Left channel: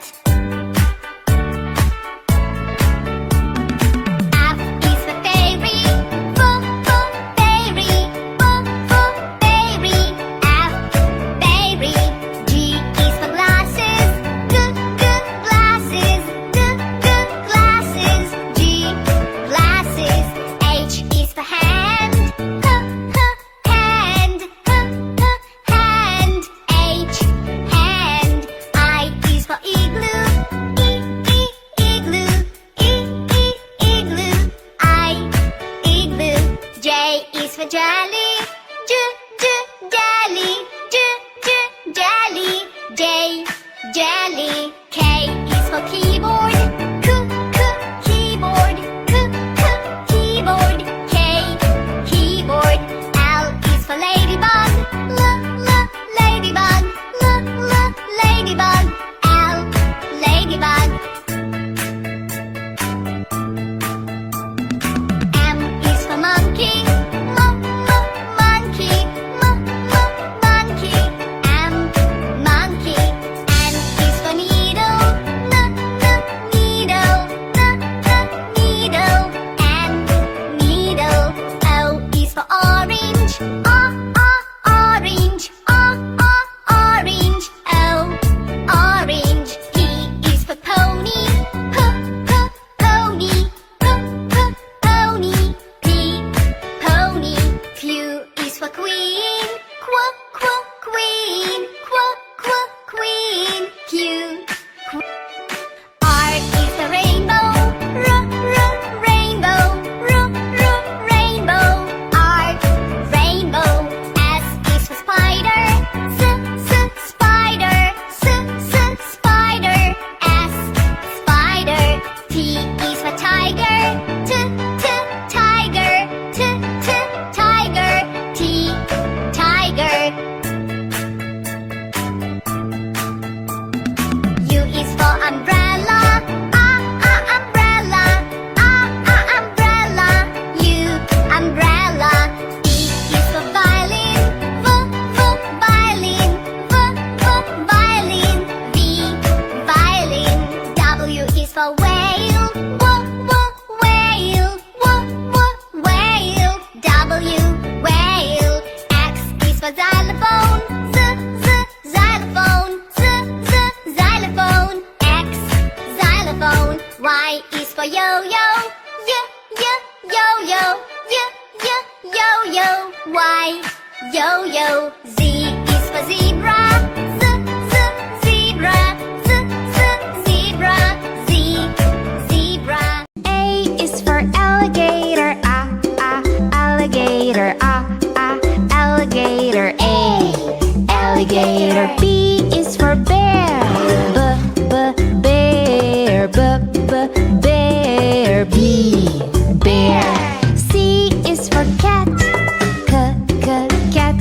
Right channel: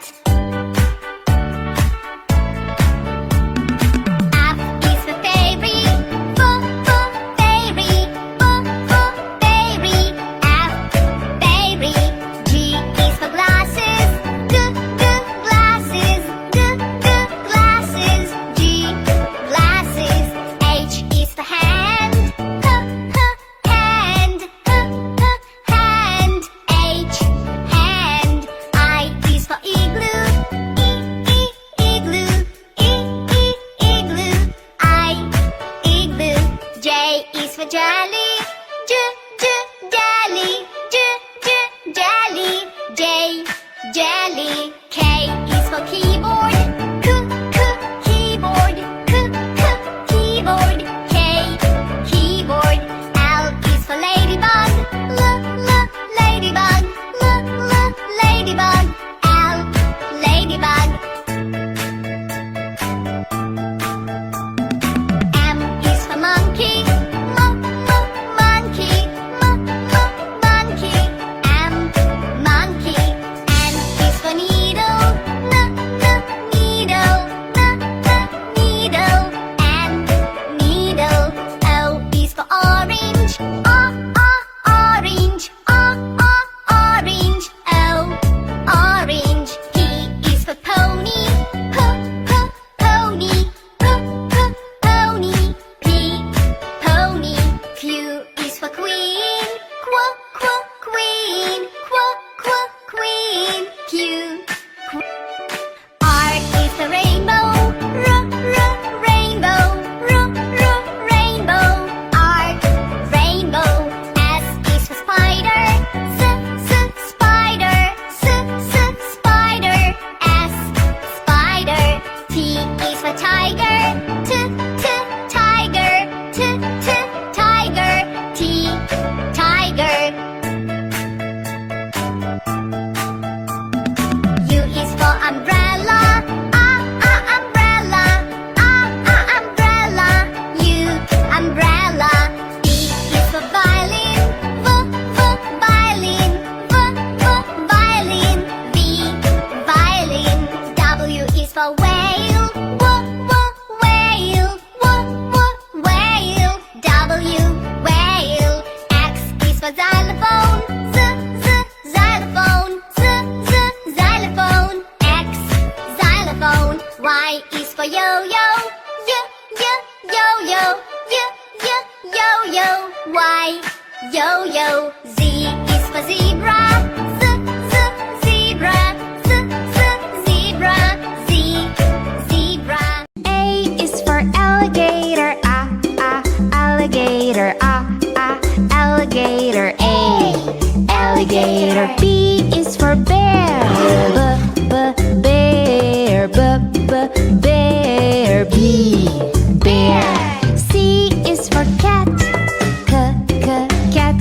ant. F is for fairy, fairy, fairy. F, fairy. G is for glasses, glasses, glasses. G, glasses. H is for hand, hand, hand. H, hand. I is for igloo, igloo, igloo. I, igloo. J is for jelly, jelly, jelly. J, jelly. K is for keyboard, keyboard, keyboard. K, keyboard. L is for ladybug, ladybug, ladybug. L, ladybug. M is for monkey, monkey, monkey. M, monkey. N is for needle, needle, needle. N, needle. O is for orange, orange, orange. O, orange. P is for pony, pony, pony. P, pony. Q is for queen, queen, queen. Q, R is the rainbow, rainbow, rainbow. R, rainbow. S is for spider, spider, spider. S, spider. T is for tiger, tiger, tiger. T, tiger. U is for umbrella, umbrella, umbrella. U, umbrella. V is for violin, violin, violin. V, violin. W is for whale, whale, whale. W, whale. X is for xylophone, xylophone, xylophone. X, xylophone. Y is for yo-yo, yo-yo, yo-yo. Y, yo-yo. Z is for zebra, zebra, zebra. Z, zebra. A is for alligator, alligator, alligator. A, alligator. B is for bear, bear, bear. B, bear. C is for cat, cat, cat.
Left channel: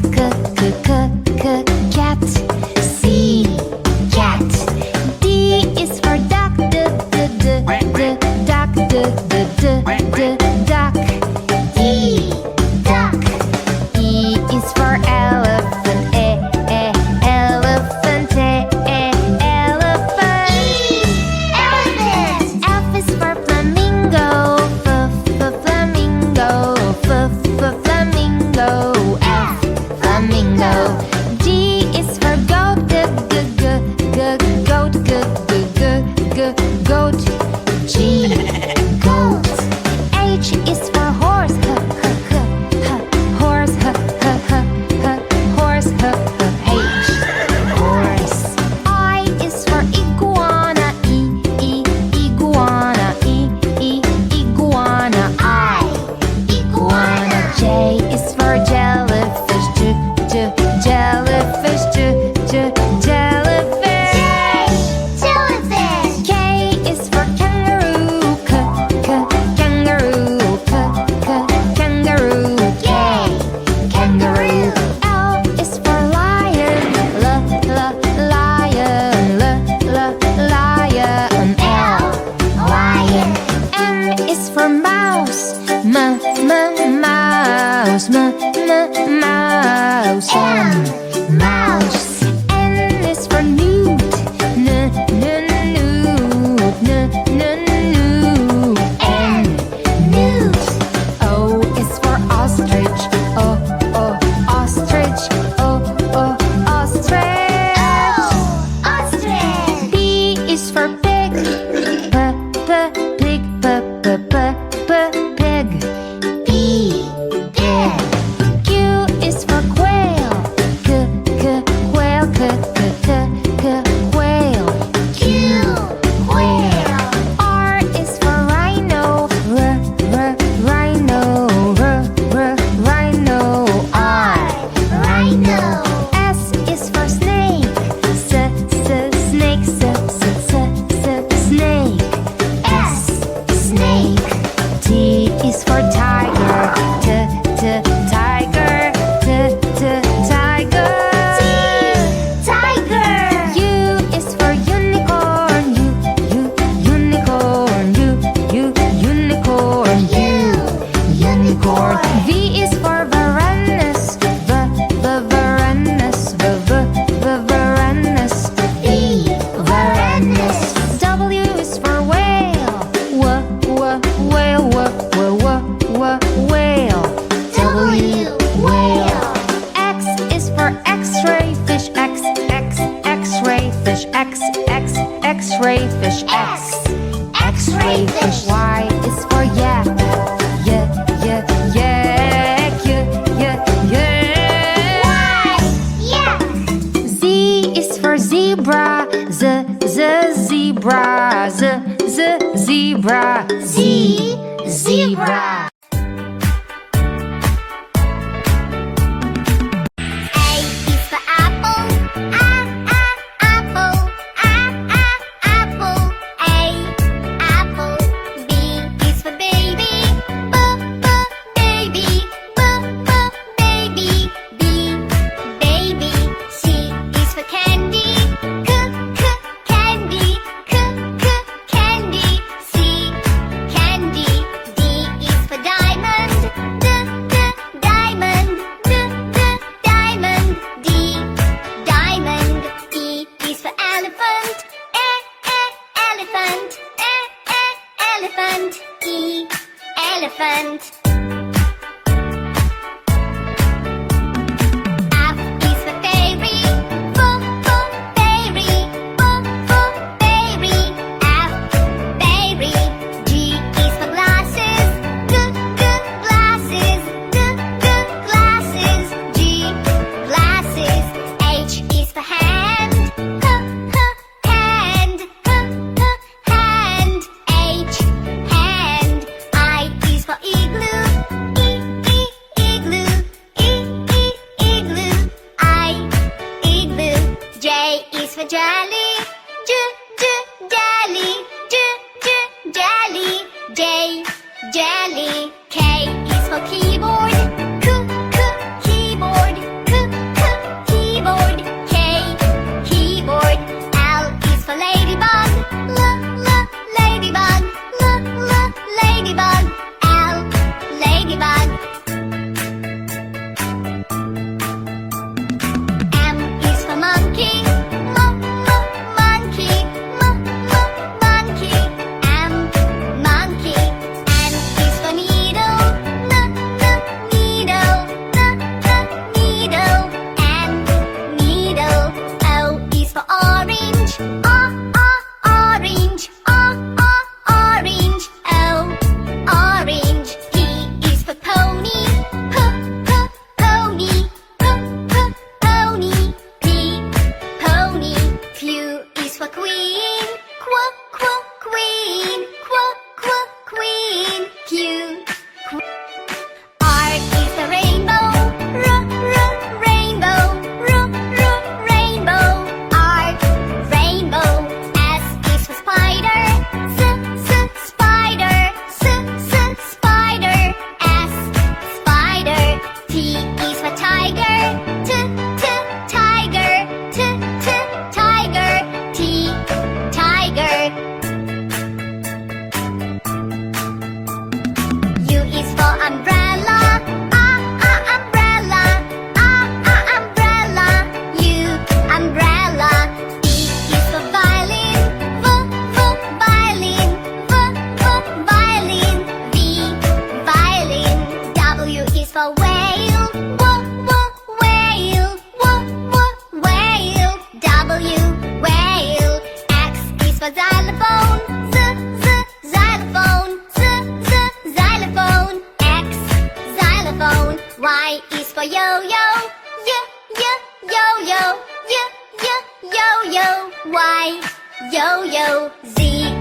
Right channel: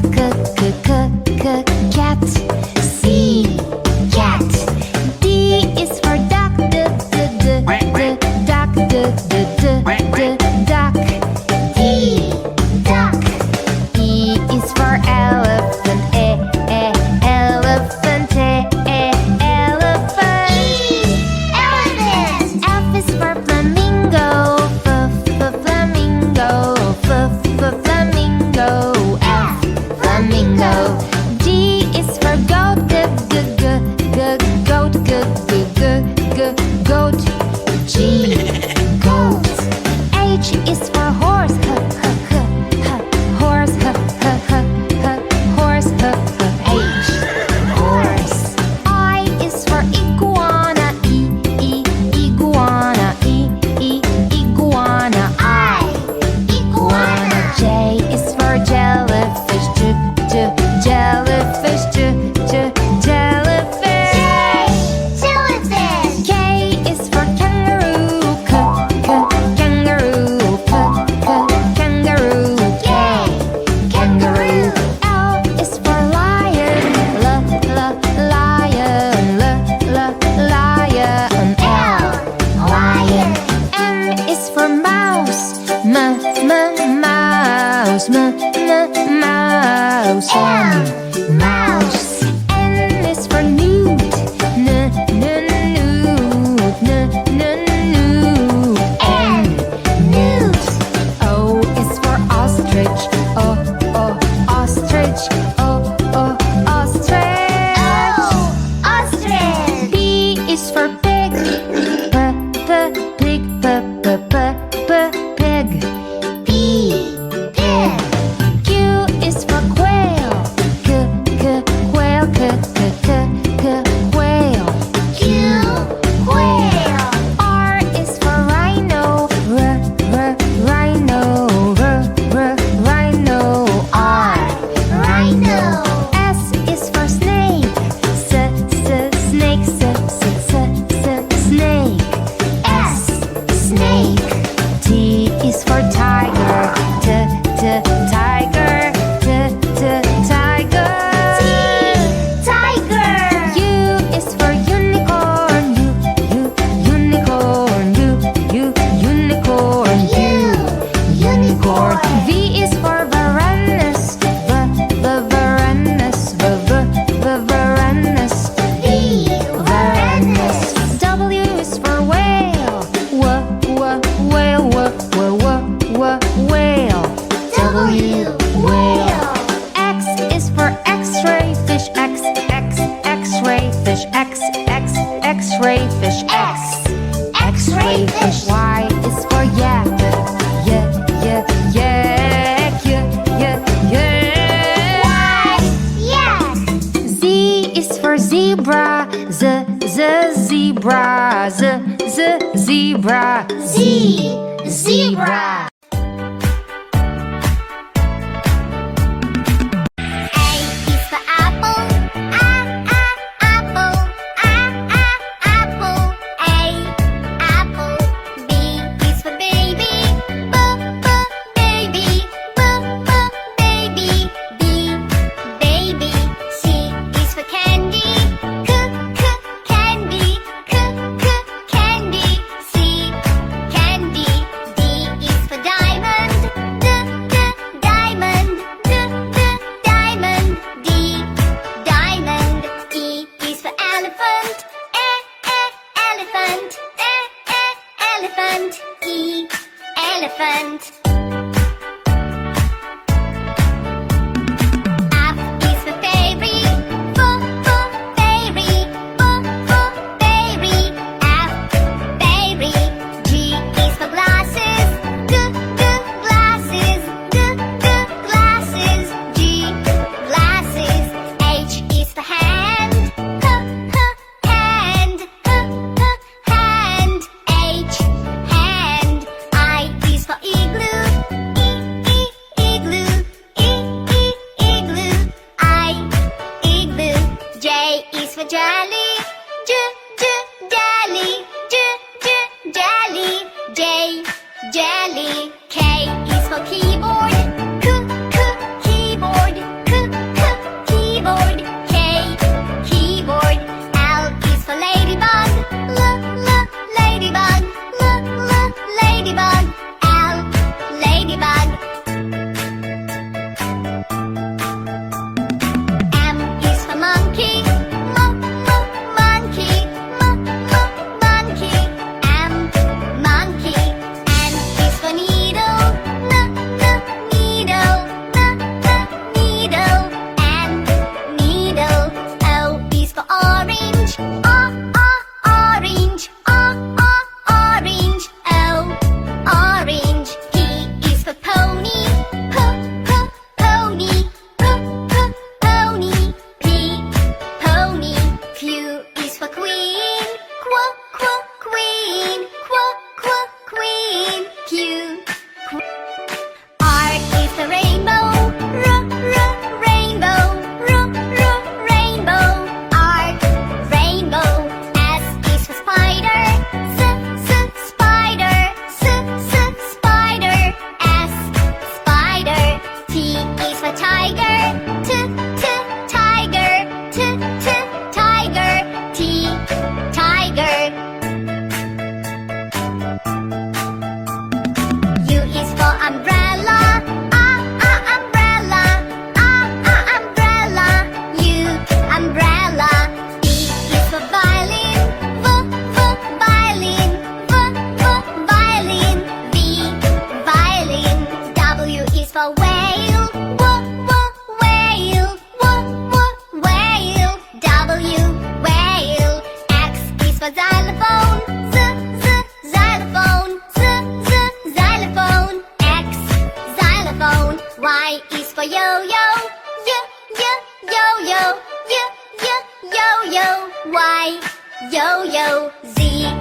C, cat. D is for duck, duck. D, duck. E is for elephant, elephant, elephant. Elephant. F is for flamingo, flamingo, flamingo. F, flamingo. G is for goat, goat, goat. G, goat. H is for horse, horse, horse. H, horse. I is for iguana, iguana, iguana. I, iguana. J is for jellyfish, jellyfish, jellyfish. Jellyfish. K is for kangaroo, kangaroo, kangaroo. K, kangaroo. L is for lion, lion, lion. L, lion. M is for mouse, mouse. mouse, mouse. N is for newt, for pig. Pig. Pig. Pig. Q is for quail. Quail. Quail. Q, quail. R is for rhino. Rhino. Rhino. R. Rhino. S is for snake. Snake. Snake. S. Snake. T is for tiger. Tiger. Tiger. Tiger. U is for unicorn. Unicorn. Unicorn. Unicorn. V is for varanus. Varanus. Varanus. Varanus. W is for whale. Whale. Whale. W. Whale. X is for x-ray fish. X-ray fish. X-ray fish. X-ray fish. Y is for yak. Yak. Yak. Z is for zebra. Zebra. Zebra. Zebra. A is for apple. Apple. Apple. A, apple. B is for baby. Baby. Baby. B, baby. C is for candy. Candy. Candy. C, candy. D is for diamond. Diamond. Diamond. D, diamond. E is for elephant. Elephant. Elephant. E, elephant. F is for fairy. Fairy. Fairy. F, fairy. G is for glasses. Glasses. Glasses. G, glasses. H is for hand. Hand. Hand. H, hand. I is for igloo. Igloo. Igloo. I, igloo. J is for jelly. Jelly. Jelly. J, jelly. K is for keyboard. Keyboard. Keyboard. K, keyboard. L is for ladybug. Ladybug. Ladybug. L, ladybug. M is for monkey. Monkey. Monkey. M, monkey. N is for needle. for yo-yo. Yo-yo, yo-yo, yo-yo, yo-yo. Y, yo-yo. Z